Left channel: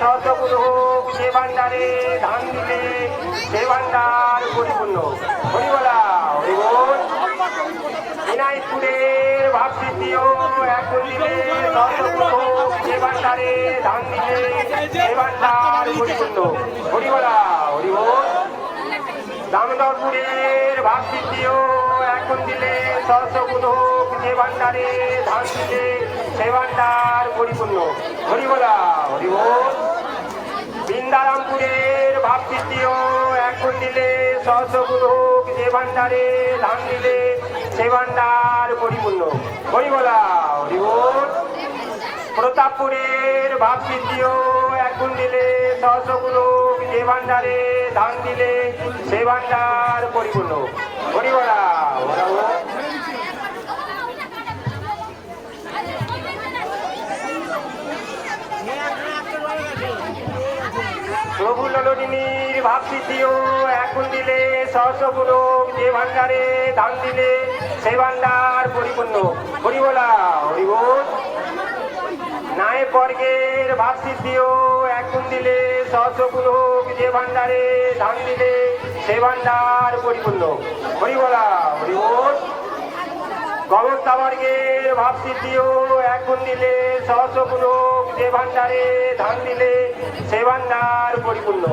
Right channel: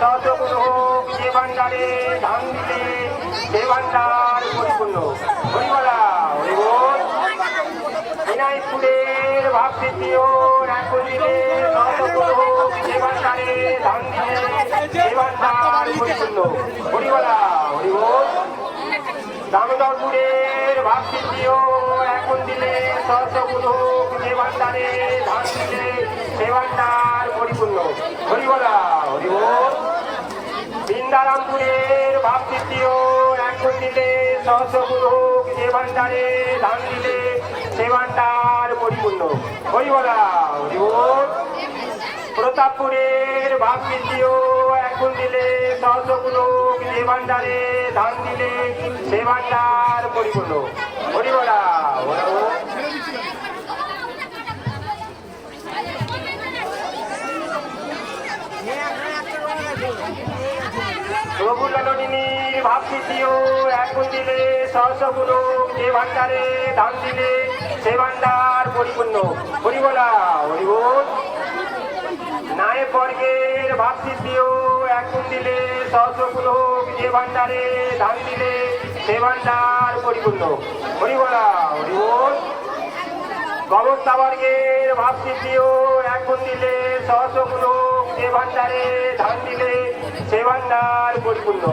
সহস্রগুরু হোক, যে ভান্ডারে ধান দিলে সে ভান্ডার পরিপূর্ণ। হরিবলা হরিবল। বিনায়কপুরের ভাবসিদ্ধিও এখন দিলে সহস্রগুরু হোক, যে ভান্ডারে ধান দিলে সে ভান্ডার পরিপূর্ণ। হরিবলা হরিবল। দামোদরপুরের ভাবসিদ্ধিও এখন দিলে সহস্রগুরু হোক, যে ভান্ডারে ধান দিলে সে ভান্ডার পরিপূর্ণ। হরিবলা হরিবল। বৃন্দারামপুরের ভাবসিদ্ধিও এখন দিলে সহস্রগুরু হোক, যে ভান্ডারে ধান দিলে সে ভান্ডার পরিপূর্ণ। হরিবলা হরিবল। প্রতাপপুরের ভাবসিদ্ধিও এখন দিলে সহস্রগুরু হোক, যে ভান্ডারে ধান দিলে সে ভান্ডার পরিপূর্ণ। হরিবলা প্রভু ললিনীর ভাবসিদ্ধিও এখন দিলে সহস্রগুরু হোক, যে ভান্ডারে ধান দিলে সে ভান্ডার পরিপূর্ণ। হরিবলা হরিবল। নায়ক বর্গের ভাবসিদ্ধিও এখন দিলে সহস্রগুরু হোক, যে ভান্ডারে ধান দিলে সে ভান্ডার পরিপূর্ণ। হরিবলা হরিবল। গবর্তা বর্গের ভাবসিদ্ধিও এখন দিলে সহস্রগুরু হোক, যে ভান্ডারে ধান দিলে সে ভান্ডার পরিপূর্ণ।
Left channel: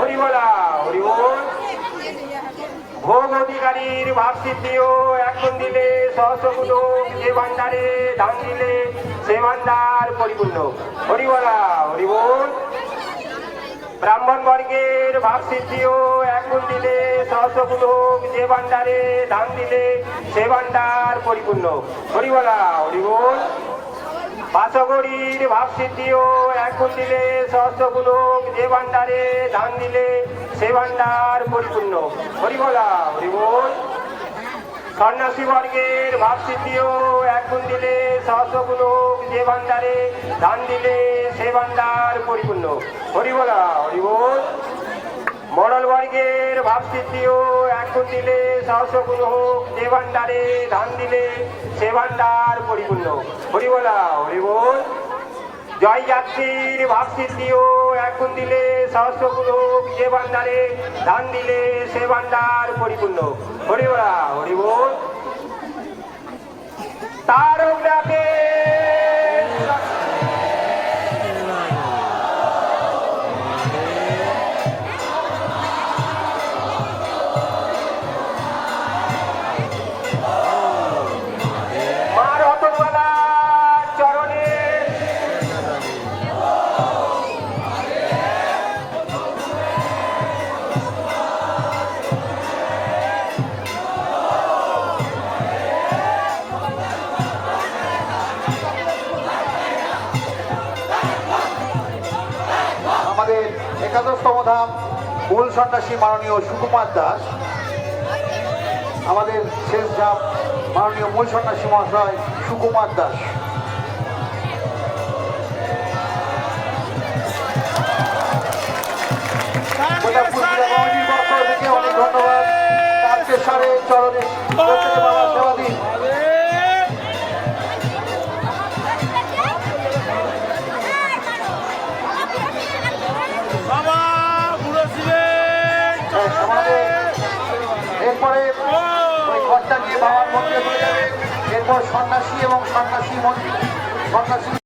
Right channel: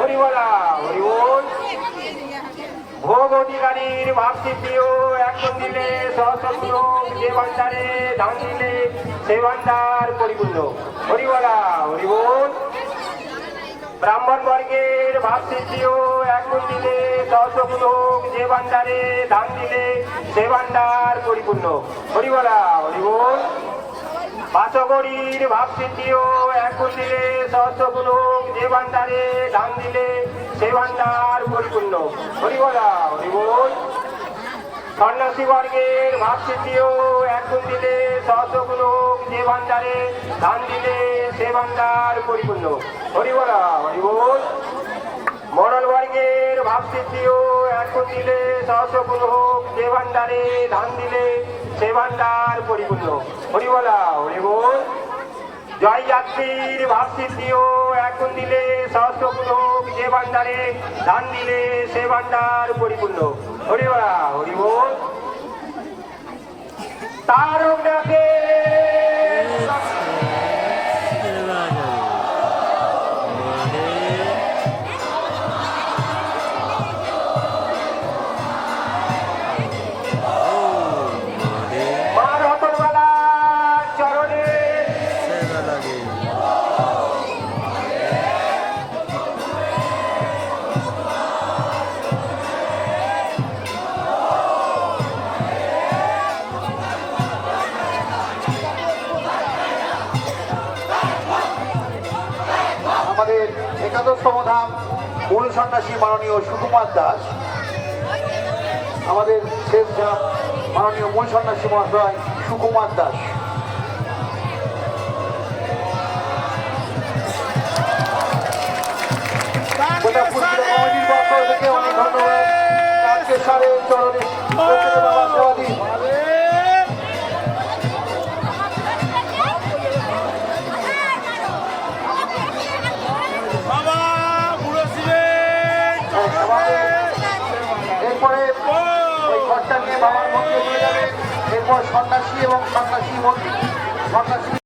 হরিবলা হরিবল। ভোগ অধিকারীর ভাবসিদ্ধিও এখন দিলে সহস্রগুরু হোক, যে ভান্ডারে ধান দিলে সে ভান্ডার পরিপূর্ণ। হরিবলা হরিবল। ব্রাহ্মণ বর্গের ভাবসিদ্ধিও এখন দিলে সহস্রগুরু হোক, যে ভান্ডারে ধান দিলে সে ভান্ডার পরিপূর্ণ। হরিবলা হরিবল। বাসগরীর ভাবসিদ্ধিও এখন দিলে সহস্রগুরু হোক, যে ভান্ডারে ধান দিলে সে ভান্ডার পরিপূর্ণ। হরিবলা হরিবল। সন্ন্যাসী বর্গের ভাবসিদ্ধিও এখন দিলে সহস্রগুরু হোক, যে ভান্ডারে ধান দিলে সে ভান্ডার পরিপূর্ণ। হরিবলা হরিবল। মণ্ডল বর্গের ভাবসিদ্ধিও এখন দিলে সহস্রগুরু হোক, যে ভান্ডারে ধান দিলে সে ভান্ডার পরিপূর্ণ। হরিবলা হরিবল। জয় যাত্রীর ভাবসিদ্ধিও এখন দিলে সহস্রগুরু হোক, যে ভান্ডারে ধান দিলে সে ভান্ডার পরিপূর্ণ। হরিবলা হরিবল। তারকনাথে সমাধান মূল সন্ন্যাসী মাননীয় সুকুমার দাস, আমাদের শেষ ধাপ মাননীয় মূল সন্ন্যাসী মহাশয় সুকুমার দাস। সন্ন্যাসী এবং সন্ন্যাসী